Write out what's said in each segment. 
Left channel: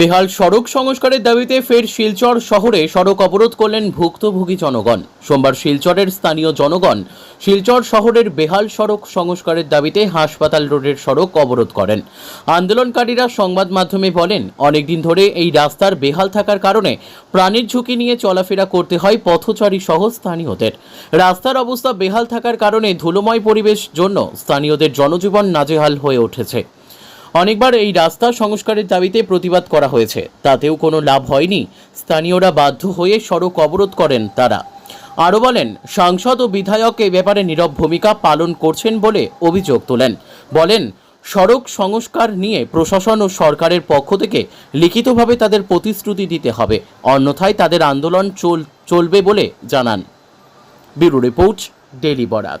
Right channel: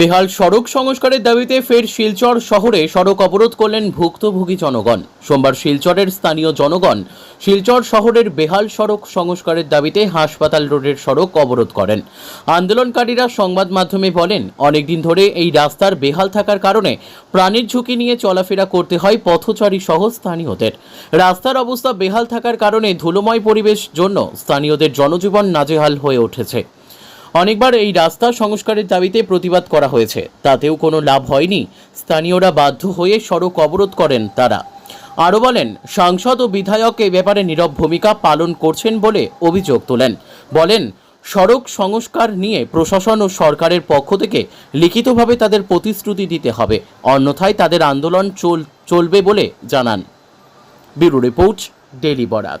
বেহাল সড়ক সংস্কারের দাবিতে ফের শিলচর শহরে সড়ক অবরোধ করলেন ভুক্তভোগী জনগণ। সোমবার শিলচরের স্থানীয় জনগণ শিলচর শহরের বেহাল সড়ক সংস্কারের দাবিতে হাসপাতাল রোডের সড়ক অবরোধ করেন। আন্দোলনকারীরা সংবাদ মাধ্যমে বলেন, অনেকদিন ধরে এই রাস্তার বেহাল থাকার কারণে প্রাণের ঝুঁকি নিয়ে চলাফেরা করতে হয় পথচারী সহ স্থানীয়দের। রাস্তার অবস্থা বেহাল থাকার কারণে ধুলোময় পরিবেশ জন্য স্থানীয়দের জনজীবন নাজেহাল হয়ে উঠেছে। অনেকবার এই রাস্তা সংস্কারের দাবিতে প্রতিবাদ করা হয়েছে। তাতেও কোনো লাভ হয়নি। স্থানীয়রা বাধ্য হয়ে সড়ক অবরোধ করেন তারা। আরও বলেন, সাংসদ ও বিধায়ক এ ব্যাপারে নীরব ভূমিকা পালন করছেন বলে অভিযোগ তোলেন। বলেন, সড়ক সংস্কার নিয়ে প্রশাসন ও সরকারের পক্ষ থেকে লিখিতভাবে তাদের প্রতিশ্রুতি দিতে হবে। অন্যথায় তাদের আন্দোলন চল, চলবে বলে জানান। Bureau report daily Barak.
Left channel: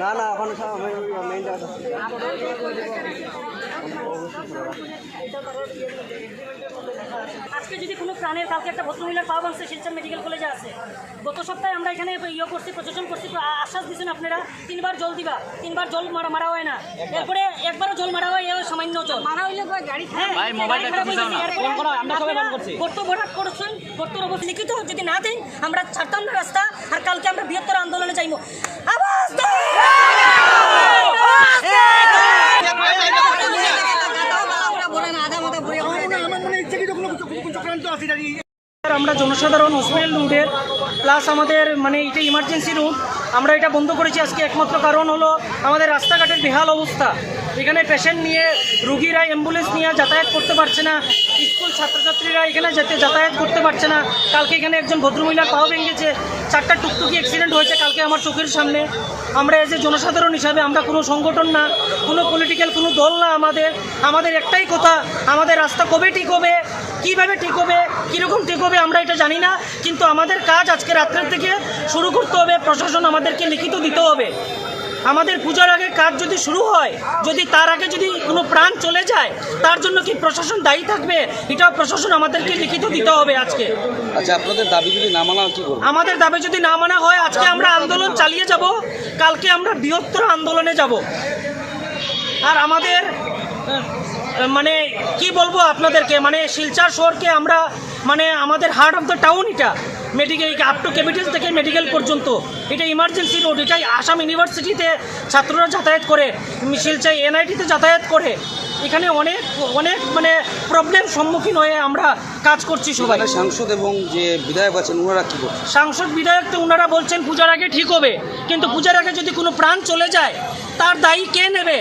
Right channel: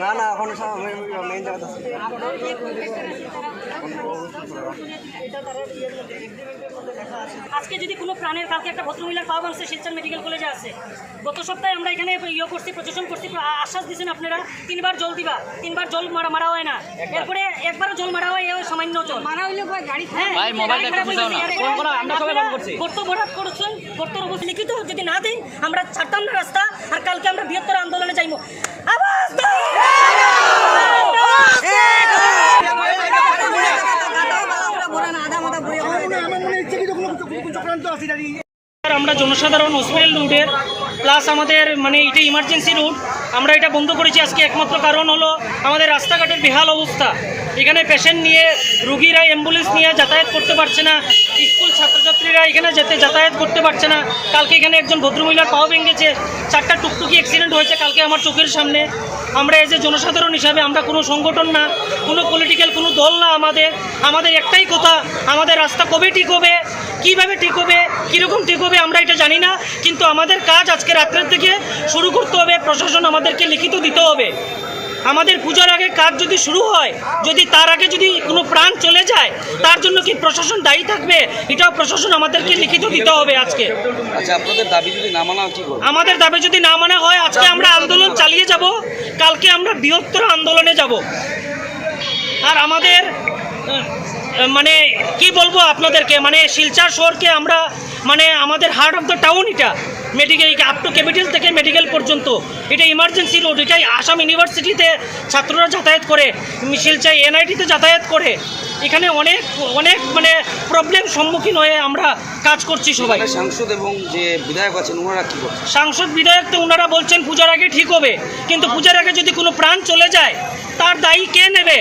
না না এখন মেইন জায়গা আজকে যদি কোনো প্রাণের কাউকে একটা ভদ্রমহিলার পাওয়া মানুষের শিলচর মেডিকেল কলেজে আছে গত সপ্তাহে আমরা এখানে ইয়ে করছি প্রশাসন করছি আশ্বাস দিচ্ছেন আপনারা তিনবার জল দিবা তিনবার জল মারা মারা হয় না। এরপরে একবারও জল মারা হয় এ সামান্য জল। মারা হইলে। গর্ত ভরাট করছেন গর্তর অবস্থা লিখিত যদি না দেন আমরা ছাড়তাম না রাস্তা আর কালকে আমরা বৃহত্তর আন্দোলনে যাইবো আওয়াজ আমরা জনসাধারণ হসপিটাল রুটের প্লাস আমাদের মানে এটা ইমার্জেন্সি রুট আমরা এটা বন্ধ করেছি আজকে একমাত্র কারণ হলো আমাদের রাস্তাঘাটের বেহাল অবস্থা। এখানে পেশেন্ট নিয়ে, রুগীরা অ্যাম্বুলেন্স নিয়ে যাতায়াত করতে পারছে না। স্কুল ছাত্রছাত্রীরা এখানে যেতে যাতায়াত করতে পারছে না। কালকে এখানে একজন ভদ্রমহিলার পাও ভেঙেছে। চারটা টুকটুকি অ্যাক্সিডেন্ট হয়েছে কালকে আমার চোখের সামনে। আমরা এজ এ জনসাধারণ হিসাবে আমরা কোনো সংগঠন না, কোনো পলিটিক্যাল কোনো দল না আমাদের। আমাদের একটাই কথা, আমাদের রাস্তা কবে ঠিক হবে? কীভাবে ঠিক হবে কীরকম ঠিক হবে আমরা এটা জানি না কিন্তু আমাদের কাজ আজকে রাত্রের থেকে শুরু করতে হবে প্রশাসন আমাদেরকে লিখিত দিতে হবে। আমাদের পূজার আগে কাজ যদি শুরু হয় যদি তার আগে যদি কোনো প্রাণ চলে যায় তার জন্য কি প্রশাসন দায়ী থাকবে? এটাও প্রশাসন আমাদেরকে লিখিত দিতে হবে আজকে। আচ্ছা আমাদের দাবি যদি না মানা হয় আজকে আমরা আন্দোলন চালিয়ে যাব কালকে আমরা বৃহত্তর আন্দোলনে যাব। আর আমাদের মানে কি বলব আপনাদেরকে? মানে শিলচর শহরকে আমরা মানে আমাদের হার্ট অফ দ্য টাউন এটা। মেডিকেল আপ টু ক্যাপিটাল থেকে মেডিকেল পর্যন্ত। এটা ইমার্জেন্সি রোড এটাই আসাম ইউনিভার্সিটিতে ছাত্ররা যাতায়াত করে শিলচাই এনআইটিতে যাতায়াত করে। এখানে অনেক অনেক মানে প্রবলেম সম্মুখীন হয়ে আমরা কাজ করছি সবাই। সাংসদ এবং যে বিধায়ক আছেন ওনারা কি সাংসদ বিধায়ক তো ওনারা বলছেন পূজার আগে ঠিক হবে। কিন্তু পূজার আগে যদি কোনো প্রাণ চলে যায় তার দায়ী কে নেবে?